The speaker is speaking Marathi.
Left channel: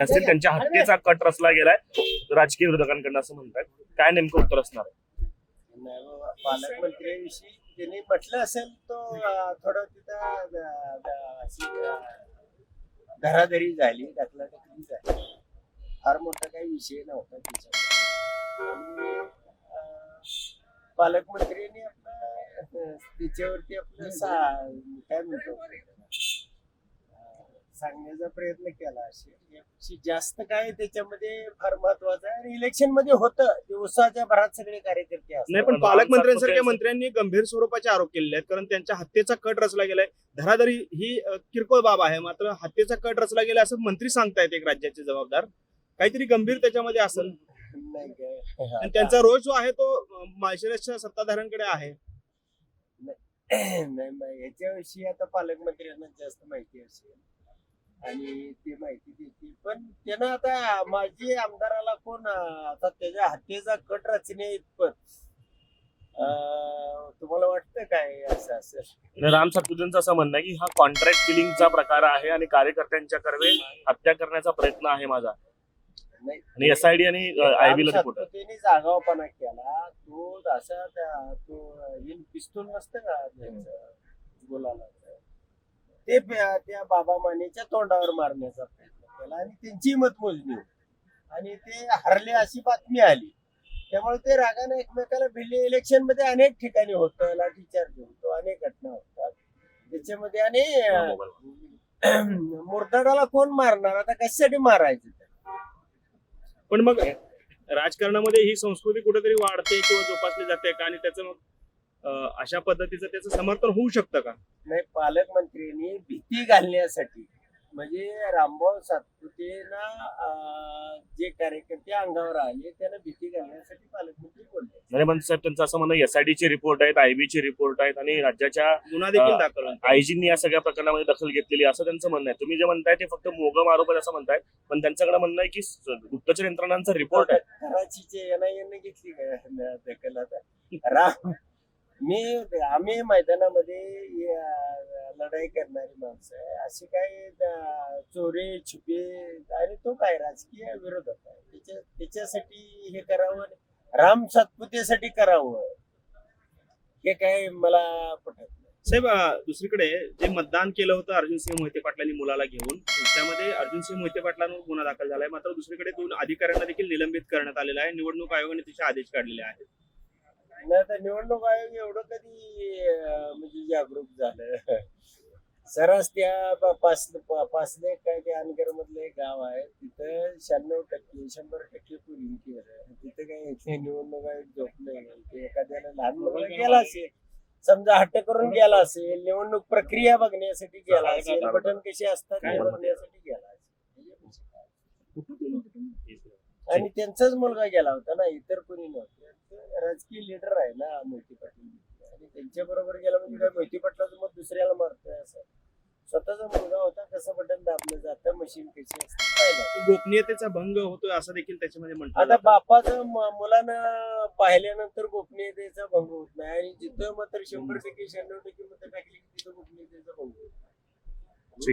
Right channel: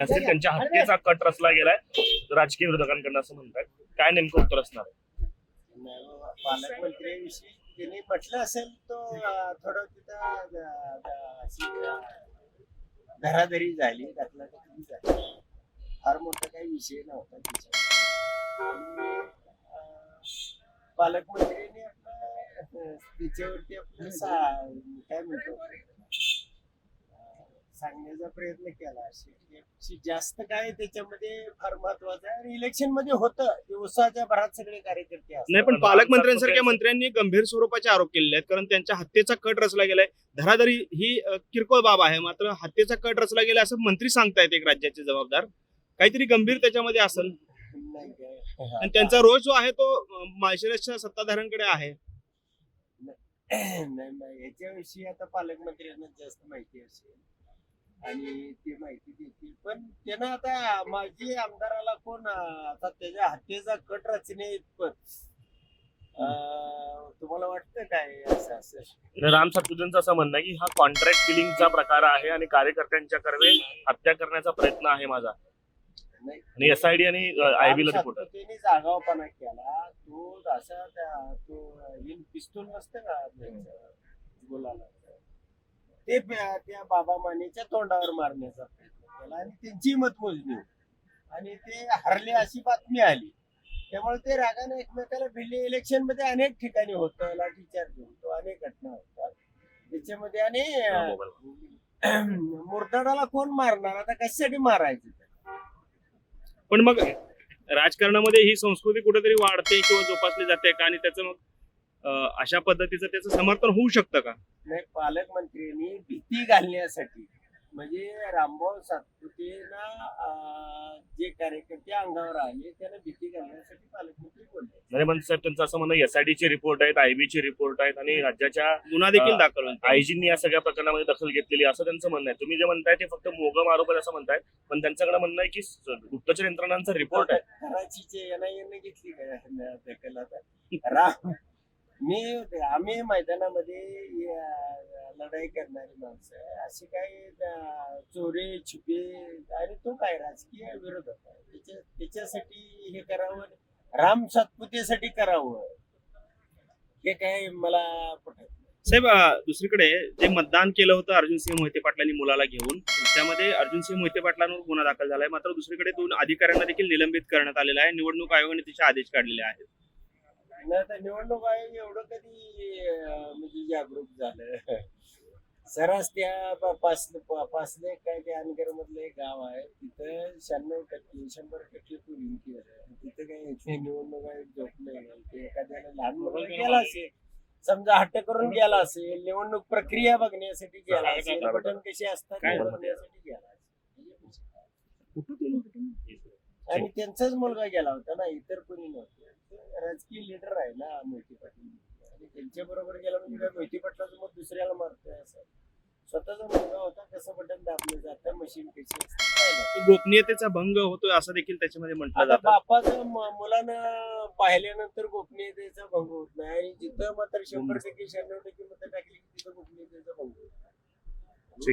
असेल त्यांच्या हत्येचा कट रचला गेलाय राजकीय विरोधकांकडून असं म्हणतात. काय नेमकं उत्तर असणार आहे? पालकमंत्र्यांविषयी त्यांनी म्हटलं असेल तो थोडं तिथं धराधरी झाली, ढकलाढकली झाली. फार मोठा काही विषय नव्हता त्याच्यावर. आणि पालकमंत्र्यांनी आपलं त्याच्यावरती आपलं काय म्हणतो सांगण्याचा प्रयत्न केला. अशी जास्त काय त्याच्यामध्ये फार महत्वाचं आहे. आणि इलेक्शन मध्ये होतं ते उत्साहाच्या भरात सगळे कार्यकर्ते असतात. नाही, पण पालकमंत्र्यांसारख्या मंत्र्यांनी गंभीर स्वरूपाचे आरोप केलेले आहेत. कारण त्यांच्या हत्येचा कट रचला गेलाय. धराधरी ही किरकोळ बाब आहे, मात्र हत्येचा कट रचला गेला असं मंत्री सांगतायत. एक राज्याचे जबाबदार काहीतरी गंभीर त्याच्यामध्ये असेल. नाही काय आणि त्यांचा रोज जो आहे तो माळशिरसच्या सत्ताधाऱ्यांकडे आहे. नाही याच्याविषयी आता पालकमंत्र्यांना जास्त माहिती असेल आणि ते माहिती देतील. पण त्यानं आता माजी आमदाराला कोण आता त्याच्या हत्येचा कट रचणे इतपत तुम्हाला वाटतं काय असं असेल? राम सातपुतेंचं असं म्हणणं आहे की हा कॉन्ट्रॅक्ट किलिंगचा प्रकार आहे आणि कार्यकर्त्यांच्या कर्वे हत्या करण्याचा प्रयत्न आहे माझा. आणि एसआयडी आणि आयबीला रिपोर्ट त्याने जागावपणा केला. तो असा पिस्तूल नसतं का बोलायला, ते त्या बाबा मानेच्या तोंडावर मारण्याचा प्रयत्न केला आणि त्यांची मतमोजणी होती आणि ते हरले अशी बातमी आली. त्यामुळे ते रागाने एकमेकाला भिडले. इलेक्शन मध्ये अनेक ठिकाणी होतं, लाठीचार्ज होतो, अनेक घटना होतात त्याच्यामध्ये. आणि मुरताडाला कोण मारणार, आता कशासाठी मारायचं? पण मग राजकारणामध्ये ही संस्कृती कुठेतरी वाढते किंवा जोपासली जाते का? आणि त्याचं अशा पद्धतीचं त्याचं समर्थन होऊ शकतं का? नाही, पालकमंत्र्यांनी भीती घालण्यासाठी म्हणजे रामभाऊ सातपुतेना जे कार्यकर्ते अंगावर आले त्यांना भीती घालण्यासाठी पालकमंत्री बोलले. नाही, पण सर त्यांचं असं म्हणणं एसआयडीचे रिपोर्ट आहेत, आयबीचे रिपोर्ट आहेत आणि राज्याच्या गुन्हा देखील दाखल होतो. आयजींनी या सगळ्या प्रकरणामध्ये दखल घेतलेली असं त्यांचं म्हणणं आहे. तुम्ही जे म्हणताय ते फक्त मोगम आरोप आहे असं म्हणताय, पण त्यांच्याकडे म्हणणं आहे की गुप्तचर यंत्रणांचा रिपोर्ट आहे. कराचीचे एनआयएने घेतली काय दखल? आता आम्ही मैदानामध्ये लढाई करणारी माणसं आहे. अशी काही चोरी छुपे आणि तो काय राजकीय विरोधक आहे. त्याच्यासाठी हे करावं, राम सातपुतेसाठी करावं, हे काय मला पटत नाही. साहेब, दुसरीकडे जे मतदान केलं होतं अर्जुनसिंह मोहिते पाटलांनी मुलाला घेऊन, त्यामध्ये अर्जुनसिंह मोहिते पाटलांवर गुन्हा दाखल झालाय. मात्र दुसरीकडे 2 अधिकाऱ्यांना देखील निलंबित करण्यात आलेलं आहे. निवडणूक आयोगाने त्याचे आदेश काढलेले आहेत. आता निवडणूक आयोग एवढं कधी म्हणजे जागरूक झालं? सरस त्या पासले काय ते अनगर मधलं एक गाव आहे, तिथं 96% 100% पोलिंग केलं. तिथं काय निवडणूक आयोग झोपले नाही. ते एखाद्याला लहान मुलाला गेला असेल, समजा हट्ट करून गेला असेल, निवडणूक प्रक्रिया बघण्यासाठी गेला असेल, बटन कसे असतात हे बघण्यासाठी गेला असेल. आणि त्यांचाच मुलगा गेला होता ना, इतर कोणी नव्हतं. राजकीय लीडर आहे ना मोहिते पाटील, आणि त्यांच्या बरोबर गेला म्हणजे काय मोहिते पाटलाचं मत दुसऱ्याला मारतोय असं? स्वतःचा मुलगा होता, कसं बटन दाबलं जातं, मशीन कशी असते. गोपनीयतेचा भंग होतोय असं देखील त्याच्यामध्ये म्हणतात. आता बापाचं मुलानं पाहिल्यानंतर गोपनीयतेचा भंग होत नाही. आणि जिथं मात्र 100% 96% मतं टाकली की तिथं गोपनीयतेचा भंग होत नाही.